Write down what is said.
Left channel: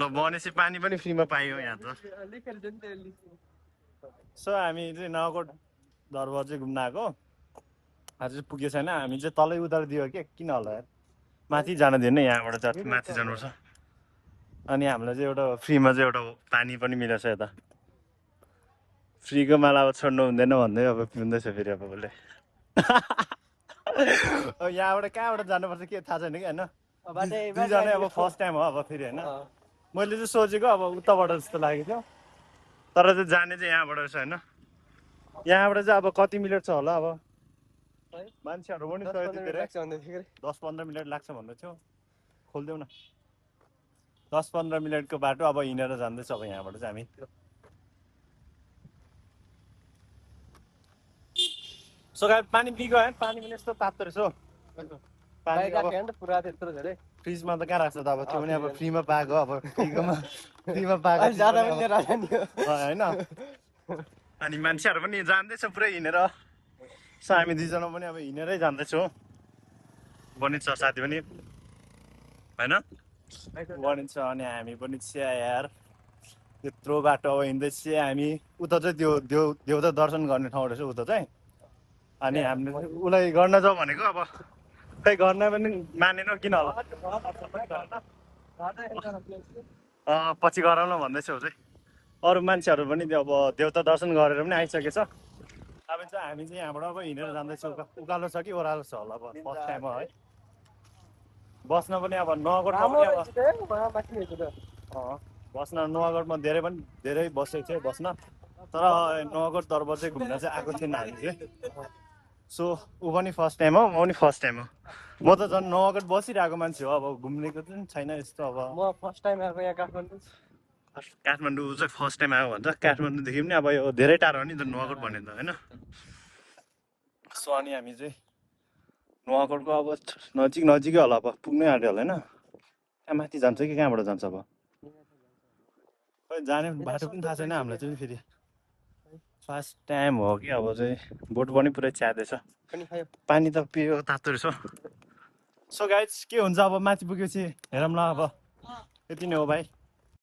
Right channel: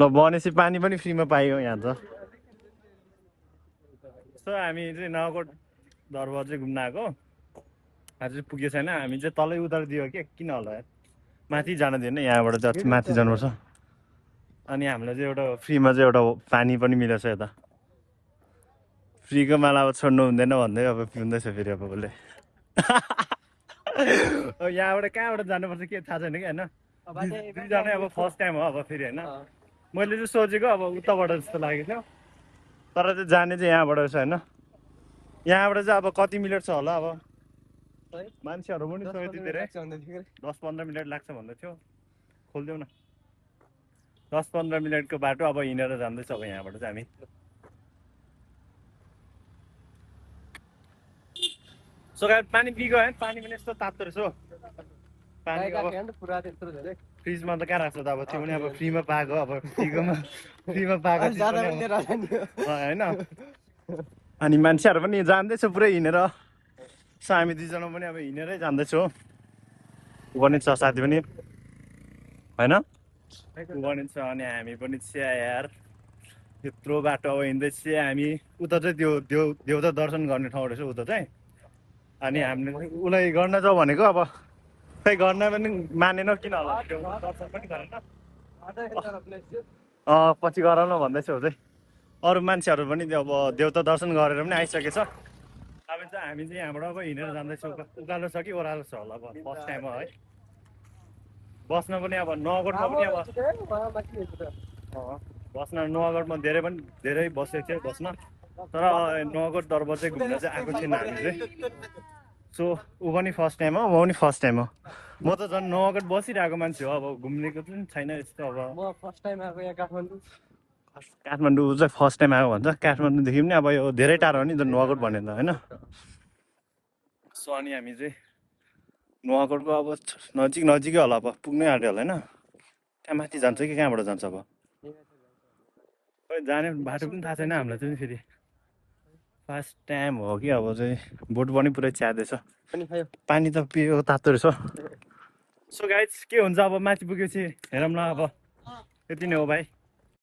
ल भनेपछि पानी पनि फ्रीमा पाइयो यहाँ त सो हामी चाहिँ नगरकोट दरबार चाहिँ घुम्न आएको आज चाहिँ पुगेको छैन हामी चाहिँ तलै उतारिदियो के किन होला यार माथि जान दिनु यहाँबाट चाहिँ माथि जानुपर्छ अनि हामीलाई चाहिँ एउटा फ्रीमा चाहिँ एउटा पानी पनि मिलेछ यता फ्रीको माला अब छोड्नु हुँदैन भन्दै अब पिउँदैछ फेरि अब उसले यहाँबाट कहाँबाट जानुपर्छ के थाहा छैन कि होइन दुईजना अब फर्स्ट टाइम हो अब फेरि होइन मैले चाहिँ सोचेको अब उताबाट जस्तो लागेको थियो तर चाहिँ जाने चाहिँ यहाँबाट रहेछ होइन यहाँबाट चाहिँ अब कति मिनट छ होला अब मान्छेहरू पनि थियो यति धेरै 10-15 मिनट लाग्छ भन्दै थियो खोलिदेऊ न 10-15 मिनटको बाटो अब हिँडेर जाँदैछ अब यहाँबाट चाहिँ हामी सो गाइस पानी पिएको है पानी पनि यस्तो तातो रहेछ पानी अब फ्रिजमा त कहाँ राख्छ त अब त्यो पनि अब फ्रीमा पाएको अब फ्रीमा पाएको होइन अनि मान्छेहरू पनि जान्दैछ पुरै हिँडेर सो हामी दुईजना पनि अब हिँडेरै जाँदैछौँ गणेश छ साथी पनि होइन गणेश छ अनि हामी पनि चिया यार यत्रो बाटो अब हिँड्दै चिया हामी उता चाहिँ त्यो देउता दर्शन गर्ने ठाउँ रहेछ उता चाहिँ अनि हामीले उसलाई गर्न जाउँ भनेको अब खै गर्न पनि मानेन किन होला दर्शन पनि गरेन पछि गराउन भन्दैछ चाहिँ अरू मान्छेहरू पनि त्यो अब देउता दर्शन गरेर पनि आइसकेछ अब चाहिँ हामी चाहिँ यहाँबाट अब हिँडेर जाँदैछौँ उकालो छ कि ओह्रालो छ होला अब फर्स्ट टाइम हो है बस्न पनि अब नगरकोटमा पनि अब बस्न नगरकोटमा धेरै बसेको थियो बस्न तर नगरकोट दरबार चाहिँ घुम्न चाहिँ आएको थिएन हामी चाहिँ सो ऊ पनि फर्स्ट टाइम हो म पनि फर्स्ट टाइम हो म त झन् नगरकोट बसिरहेको मान्छे हो अब घुम्नेको पनि छैन यस्तो अब म फर्स्ट टाइम आएको यहाँ काठमाडौँ चाहिँ फर्स्ट टाइम आएको भन्छ काठमाडौँदेखि पनि अब यो धेरै टाढो हो नि त नगरकोट भनेर होइन सो अनि हामी चाहिँ नगरकोटको अब नजिकै होला अब पुग्नै आँट्यो होला होइन त्यहाँ माथि जान्छ कि कहाँबाट जान्छ अब खै जाने बाटो पनि थाहा छैन हामीलाई चाहिँ फेरि फर्स्ट टाइम हो कि अब चाहिँ बोट पनि पुरै च्यादैछ पानी त पिएको तातो रहेछ सो गाइज के हुन्छ अब माथि पुगेपछि हेरौँ ल अब यति नै हो भाइ